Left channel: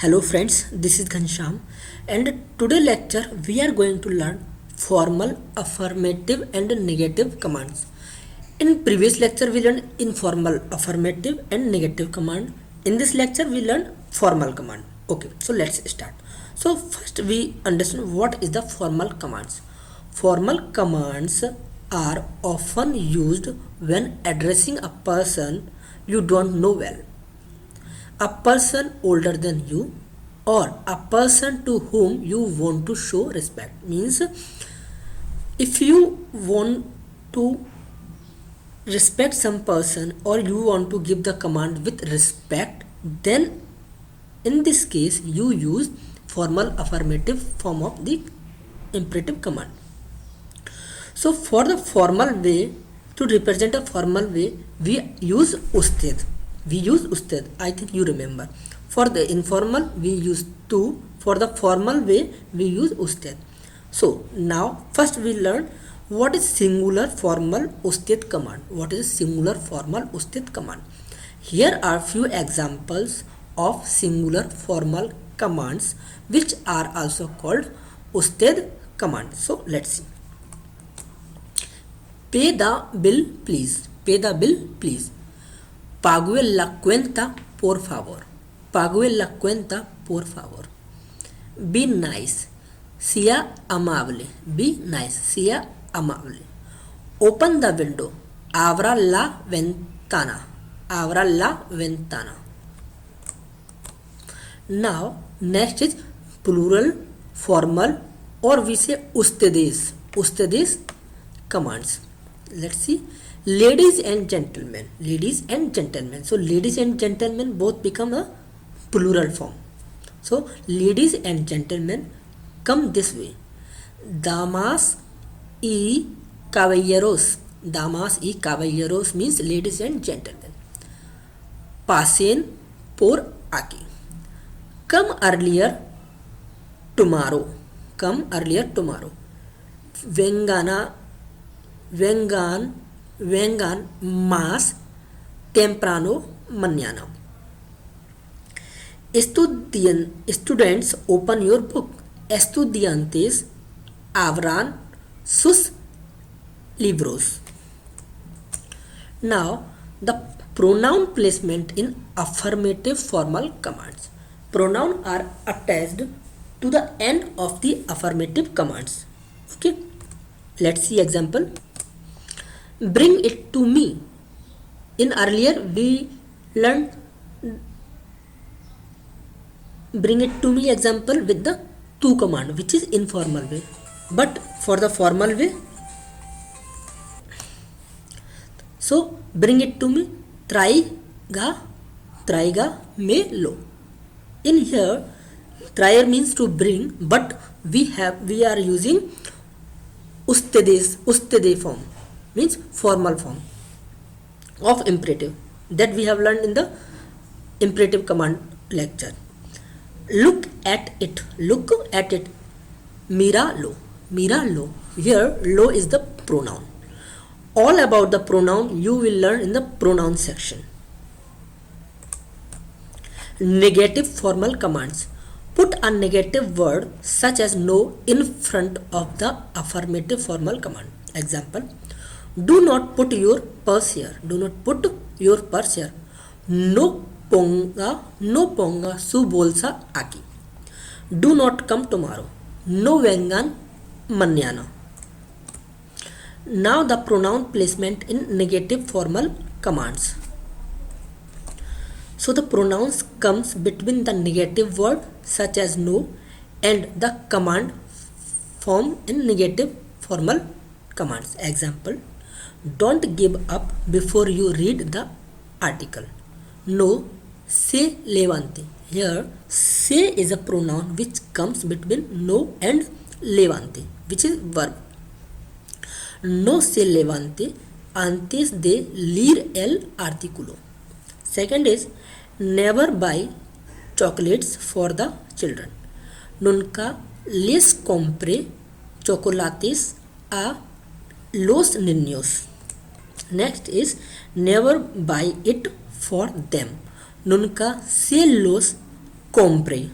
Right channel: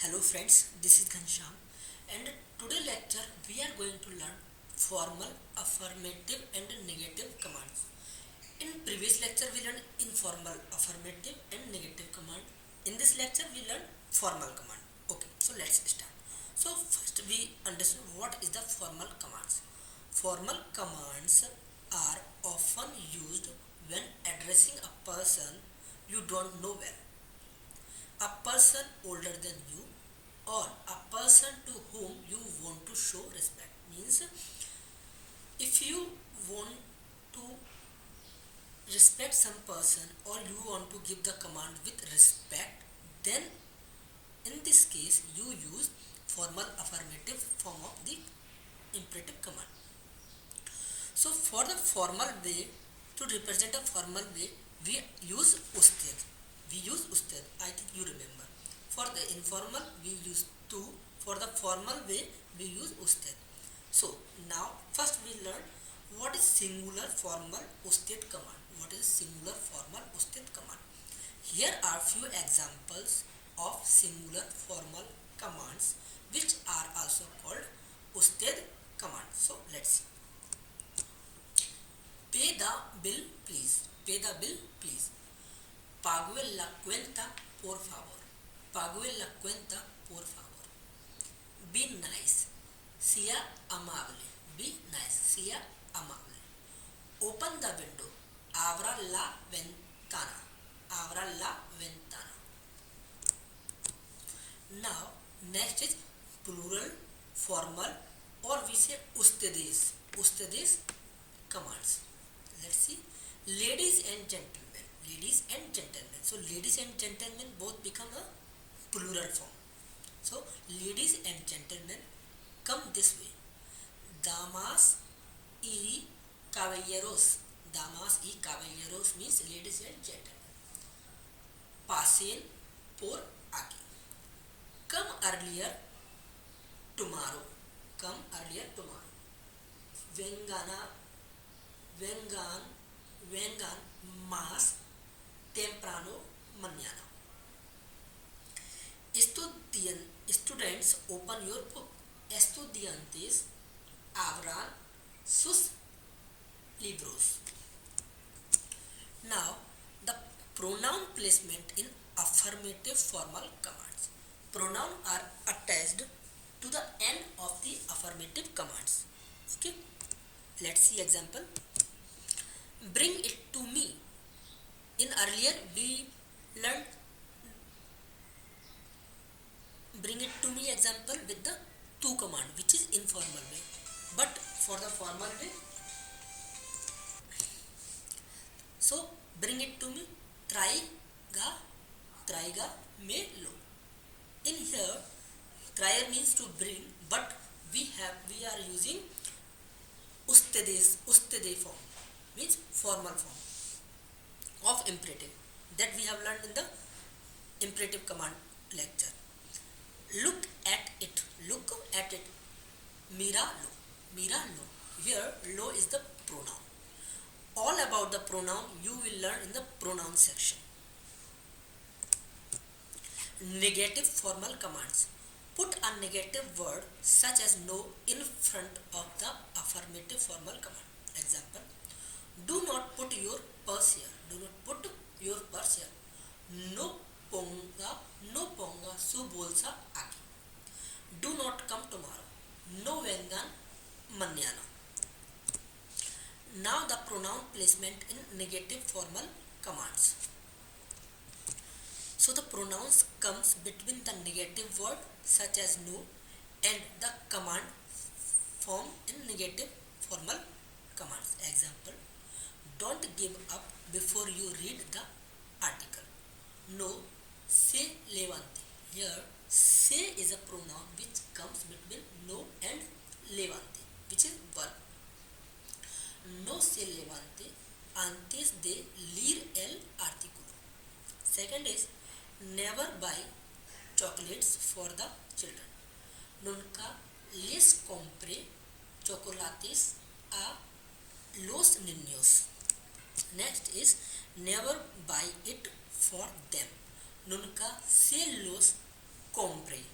Hello friends, this is Ghanshyam and today lecture we are going to learn formal, affirmative and negative commands. In previous lecture we learned informal, affirmative and negative command. In this lecture we learned formal command. Okay, so let's start. So first we understand what is the formal commands. Formal commands are often used when addressing a person you don't know well, a person older than you, or a person to whom you want to show respect. Means if you want to respect some person or you want to give the command with respect, then in this case you use formal affirmative form of the imperative command. So for the formal way, to represent a formal way, we use usted. We use usted. I think you remember. For the informal, we use tu. For the formal way, we use usted. So now first we learn what is singular formal usted command. What is singular formal usted command? Here are few examples of singular formal commands which are also called usted command. So let's see. Pay the bill, please. Pay the bill, please. Pague la cuenta, por favor. Pague la cuenta, por favor. Be nice. Sea amable. Be nice. Sea amable. Open the window. Abra la ventana. Abra la ventana. Now, next is plural, formal, or we say ustedes. Ustedes commands. Let's see. Ladies and gentlemen. Ladies and gentlemen. So ladies and gentlemen both become a plural form. So ladies and gentlemen come this way. Damas y caballeros. Damas y caballeros means ladies and gentlemen. Pasen por aquí. Come earlier tomorrow. Come earlier tomorrow. Vengan más temprano mañana. Students, open your book. Estudiantes abran sus libros. Now, the pronoun placement in affirmative formal commands. Pronouns are attached to the end of the affirmative commands. Okay, let's see example. Bring it to me. In earlier we learned bring it to me example with the to command, which is informal way. But for the formal way, so bring it to me. Traiga me lo. In here, traer means to bring, but we are using ustede form, means formal form of imperative, that we have learned in the imperative command lecture. Look at it. Look at it. Mira lo. Here lo is the pronoun. All about the pronoun you will learn in the pronoun section. Negative formal commands. Put a negative word such as no in front of the affirmative formal command. Example. Do not put your purse here. Do not put your purse here. No ponga su bolsa aquí. Do not come tomorrow. No vengan mañana. Now the pronoun placement in negative formal commands. So the pronouns comes between the negative word such as no and the command form in negative formal commands. Example. Don't give up before you read the article. No se levante. Here se is a pronoun which comes between no and levante, which is verb. No se levante antes de leer el artículo. Second is never buy chocolates for the children. Nunca les compre chocolates a los niños. Next is never buy it for them. Nunca se los compre.